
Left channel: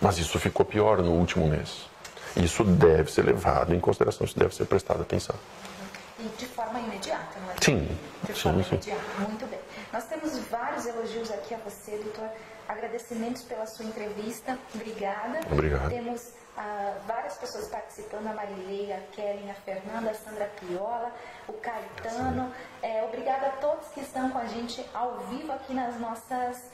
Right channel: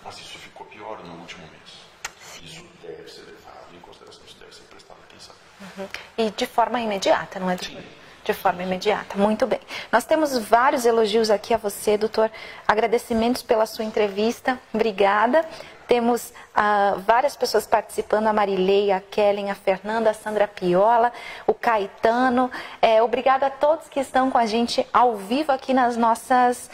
Mas isso ficou pior no último mês. Isso deve ser levado em consideração, isso deve ser prestado atenção. E de forma imediata, não é? Sim. De forma imediata, muito bem. Nós temos vários elogios aqui a você, doutor. Agradecimentos pela sua entrevista. Obrigada. Obrigado. Temos várias pessoas participando, a Marilei, a Kellen, a Fernanda, a Sandra Piola, o Caetano. Obrigada a todos que estão com a gente ao vivo aqui nas nossas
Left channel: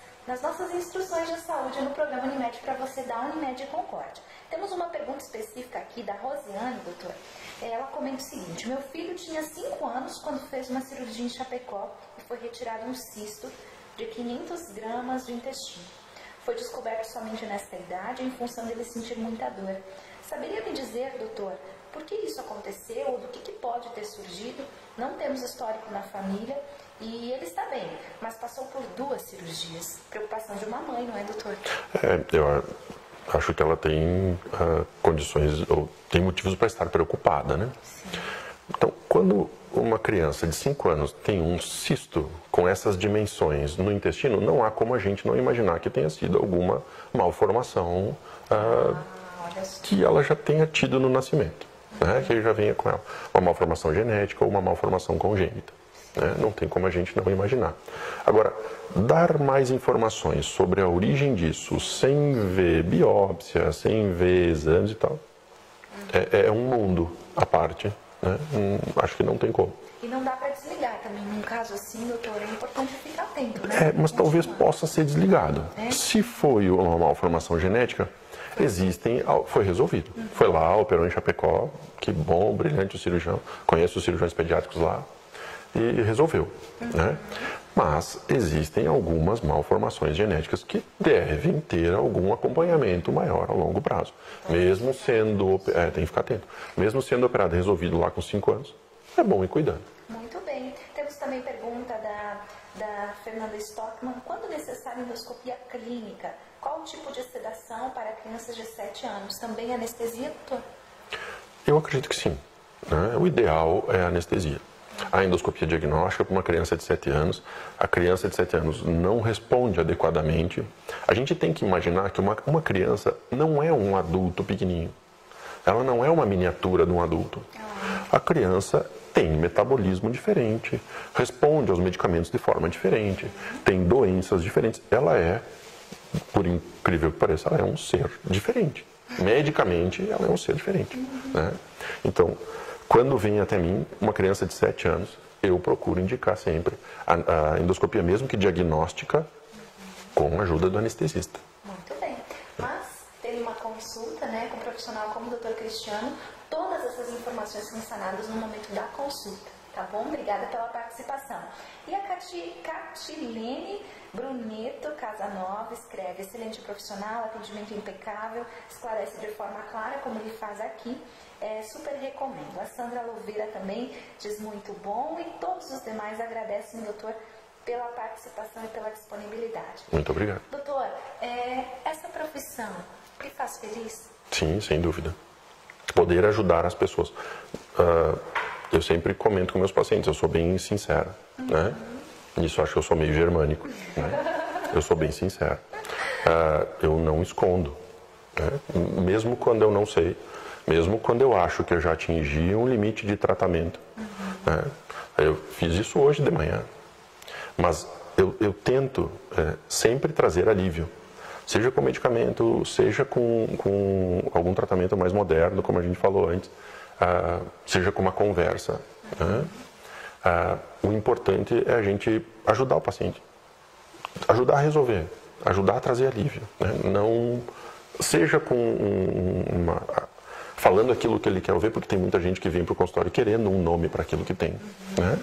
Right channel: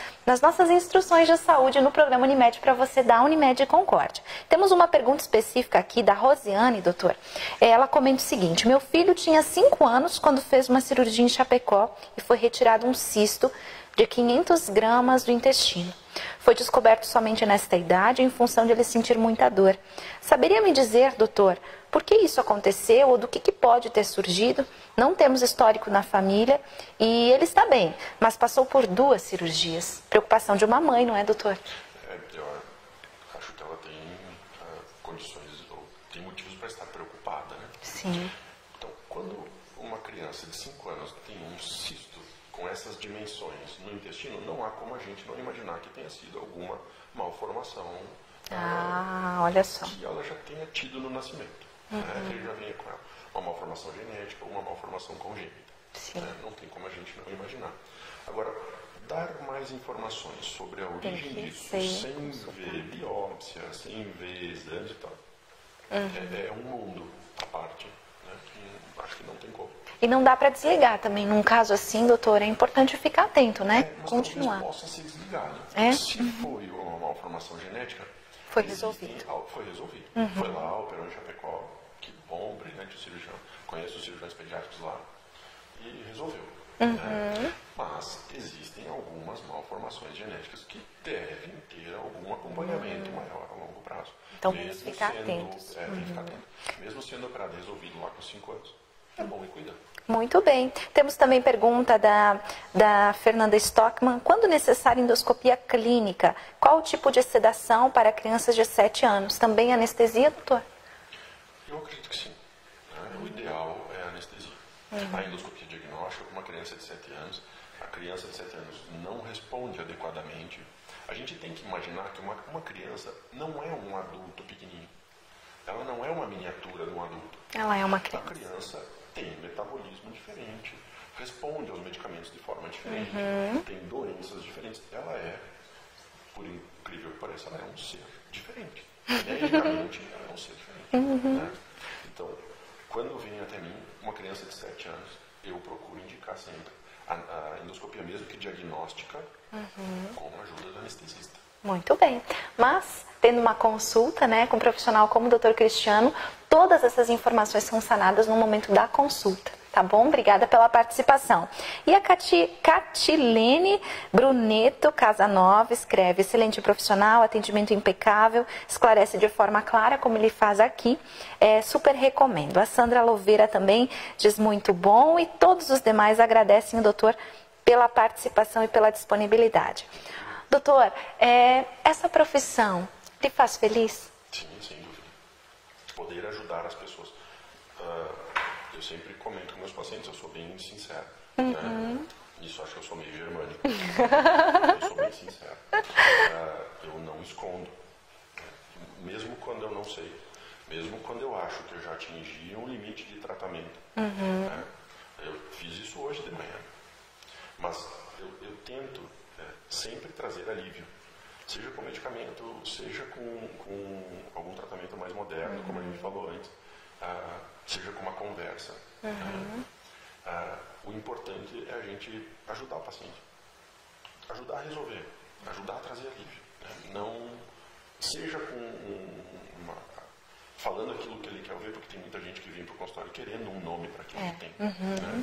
instruções de saúde no programa Unimed para você da Unimed Concórdia. Temos uma pergunta específica aqui da Rosiane, doutor. Ela comenta o seguinte: meu filho tinha 5 anos quando fez uma cirurgia em Chapecó e foi retirado um cisto de 500 gramas do intestino. Foi descoberto somente nesta idade em função de ele sentir muita dor. Saberia me dizer, doutor, por que isso aconteceu ou do que pode ter surgido? Não temos histórico na família e ele está bem, mas passou por 2 cirurgias. Preocupação de uma mãe, não é, doutor? Eu acho que ela tem condições, ou tem motivos para estar preocupada, né? Sim. Então, quando uma criança de 5 anos tem um cisto com essas dimensões no intestino, não há como a gente não imaginar que tenha sido alguma malformação olha só. que ela já tenha tido no nascimento. né, que já venha com ela. Uma malformação genética ou uma malformação congênita. Né? Não tem como a gente não imaginar. Agora, dar mais informações sobre a origem disso, sem ver biópsia, sem ver exames e tal, é um mundo à parte. Né? Acho que não tem como. E não dá para desligar também. Num caso assim, doutor, é importante ficar atento, né? Mas talvez possa ser desligado. Se foi uma malformação genética, foi resolvido. Foi lá, operou em Chapecó, que bom, brilhante o cirurgião, conheço os cirurgiões pediátricos lá, e resolveu. Né? Mas existem algumas malformações genéticas que devem ter algum acompanhamento maior a longo prazo. Então, mesmo sendo, tem que ficar atento. Mesmo sendo operado e resolvido lá com 5 anos, é bom ir cuidando. Muito bem. Temos também pergunta da Fernanda Stockman. Quando necessária endoscopia clínica, qual o tipo de sedação para crianças de 7 anos? Também anestesia, doutor? Eu acredito que sim. Né? O ideal é a anestesia. A endoscopia diagnóstica para uma criança de 7 anos, a criança de 7 anos não responde adequadamente. A gente tem que imaginar que uma criança não é um adulto pequenininho. Ela não é uma miniatura de um adulto. Ela é uma criança. A criança tem metabolismo diferente, responde aos medicamentos de forma diferente, tem doenças diferentes. Ela é, por incrível que pareça, ela é um ser diferente. Medicamente, ela é um ser diferente. Né? Então, quando vem até mim uma criança de 7 anos, eu procuro indicar sempre a endoscopia, mesmo que diagnóstica, com a ajuda do anestesista. Muito bem. Mas, tendo uma consulta, né, com um profissional como o Dr. Cristiano, todas essas informações são sanadas no momento da consulta. Tá bom? Obrigada pela participação. E a Catilene Bruneto Casanova escreve: excelente profissional, atendimento impecável, esclarece de forma clara como ele faz aqui. Super recomendo. A Sandra Louveira também diz muito bom e todos os demais agradecem o doutor pela participação e pela disponibilidade. Muito obrigado. Doutor, essa profissão te faz feliz? Sim, sem dúvida. Poder ajudar as pessoas. Eu sempre comento com meus pacientes, eu sou bem sincero, né? Nisso acho que eu sou meio germânico, né? Eu sou bem sincero. Eu não escondo, né? Mesmo quando eu não sei, mesmo quando eu acho que eu já atingi um limite de tratamento. Né? Eu fiz isso hoje de manhã, mas eu tento sempre trazer alívio. Seja com medicamento, seja com algum tratamento mais moderno, como a gente falou antes. Seja com uma conversa. Né? O importante é a gente ajudar o paciente, ajudar a resolver, ajudar a trazer alívio. Né? Não seja falando aquilo que ele quer ouvir, porque tem muita gente que vem para o consultório querendo um nome para aquilo que tem. Né?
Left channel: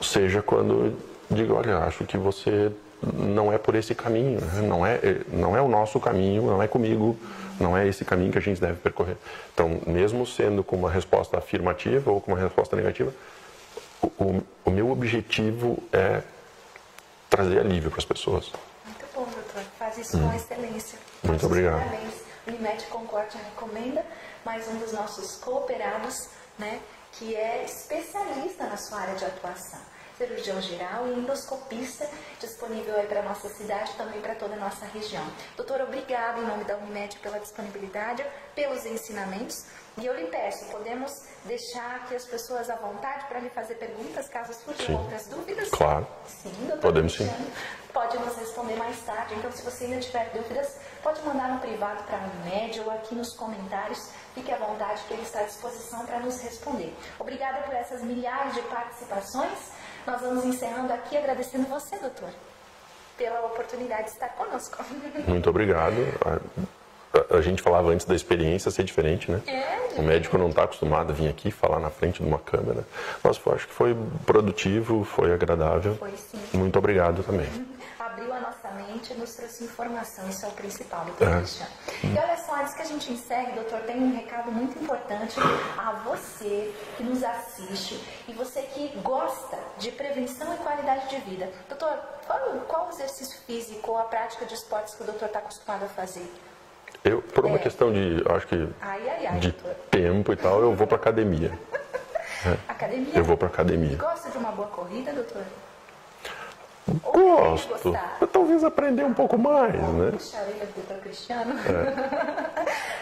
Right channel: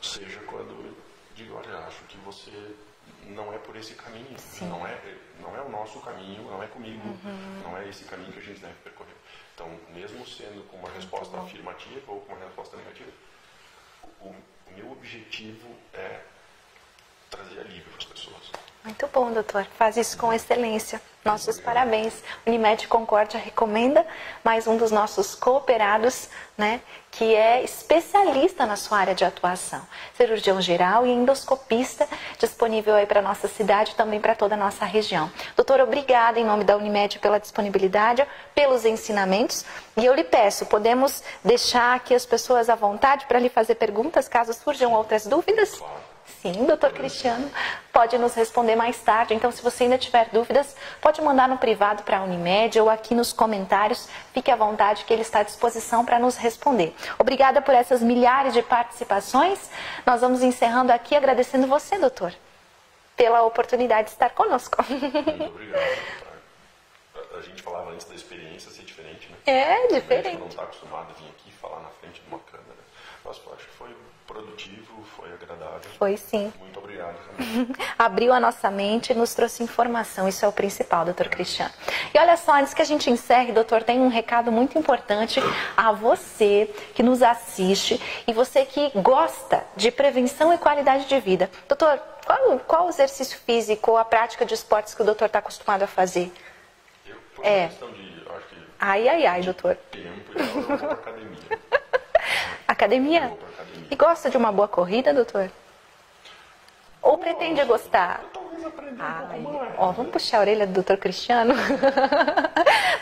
Seja quando diga, olha, acho que você não é por esse caminho, né? não é o nosso caminho, não é comigo, não é esse caminho que a gente deve percorrer. Então, mesmo sendo com uma resposta afirmativa ou com uma resposta negativa, o meu objetivo é trazer alívio para as pessoas. Muito bom, doutor. Faz isso com excelência. Nossos parabéns. Unimed Concórdia recomenda mais um dos nossos cooperados, né, que é especialista na sua área de atuação. Cirurgião geral e endoscopista, disponível aí para a nossa cidade e também para toda a nossa região. Doutor, obrigada em nome da Unimed pela disponibilidade, pelos ensinamentos. E eu lhe peço, podemos deixar aqui as pessoas à vontade para lhe fazer perguntas, caso surjam outras dúvidas? Claro. Sim, doutor Cristiano. Pode nos responder mais tarde. Então, se você ainda tiver dúvidas, pode mandar no privado para a Unimed ou aqui nos comentários. Fique à vontade que ele está à disposição para nos responder. Obrigada por essas milhares de participações. Nós vamos encerrando aqui agradecendo você, doutor, pela oportunidade de estar conosco. Muito obrigado. A gente falava antes da experiência ser diferente, né? Diferente. O médico não está acostumado a vir aqui falar na frente de uma câmera. Mas acho que foi produtivo, foi agradável. Foi sim. Muito obrigado também. Abriu a nossa mente e nos trouxe informação. Isso é o principal, doutor Cristiano. E olha só, antes que a gente encerre, doutor, tem um recado muito importante a você que nos assiste e você que gosta de prevenção e qualidade de vida. Doutor, qual o exercício físico ou a prática de esportes que o doutor está acostumado a fazer? Por uma questão de, acho que, de doutor. tempo e tal, eu vou para academia. Academia? Eu vou para academia. E gosta de uma boa corrida, doutor? Ou pretende gostar? Talvez aprender um pouco mais, né? Vamos puxar a orelha do doutor Cristiano?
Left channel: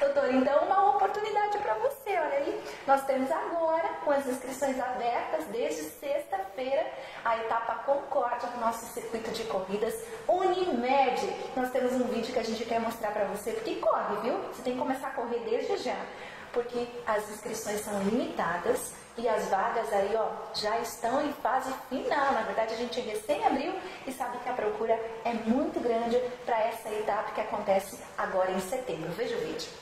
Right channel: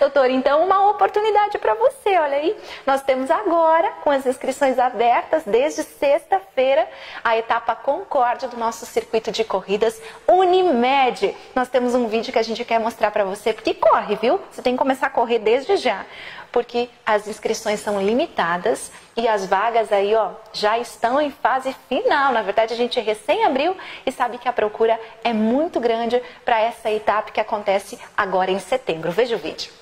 doutor? Então, uma oportunidade para você, olha aí. Nós temos agora, com as inscrições abertas, desde sexta-feira, a etapa Concórdia do nosso circuito de corridas Unimed. Nós temos um vídeo que a gente quer mostrar para você, porque corre, viu? Você tem que começar a correr desde já, porque as inscrições são limitadas e as vagas aí, ó, já estão em fase final. Na verdade, a gente recém abriu e sabe que a procura é muito grande para essa etapa que acontece agora em setembro. Veja o vídeo.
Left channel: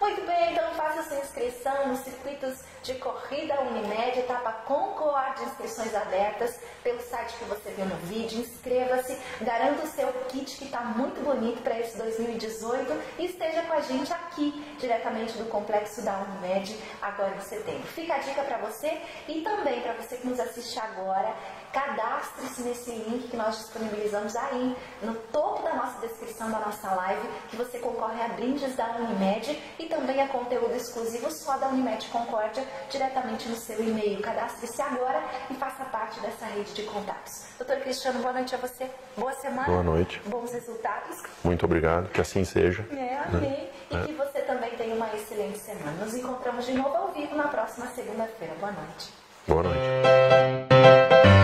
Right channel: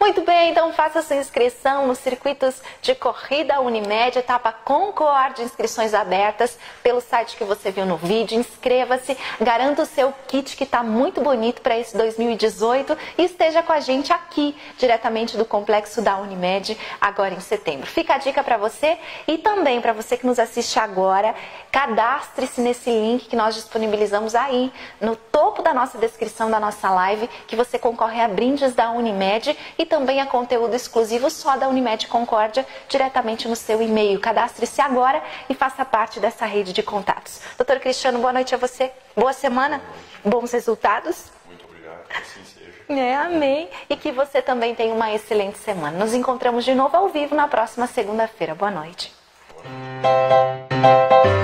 Muito bem, então faça sua inscrição nos circuitos de corrida Unimed, etapa Concórdia, inscrições abertas pelo site que você viu no vídeo. Inscreva-se, garanta o seu kit que está muito bonito para esse 2018 e esteja com a gente aqui, diretamente do complexo da Unimed, agora em setembro. Fica a dica para você e também para você que nos assiste agora, cadastre-se nesse link que nós disponibilizamos aí no topo da nossa descrição da nossa live, que você concorre a brindes da Unimed e também a conteúdo exclusivo só da Unimed Concórdia diretamente no seu e-mail. Cadastre-se agora e faça parte dessa rede de contatos. Doutor Cristiano, boa noite a você. Boa semana. Boa noite. Bons resultados. Muito obrigado, que assim seja. Amém. E que você também tenha uma excelente semana. Nos encontramos de novo ao vivo na próxima segunda-feira. Boa noite. Boa noite.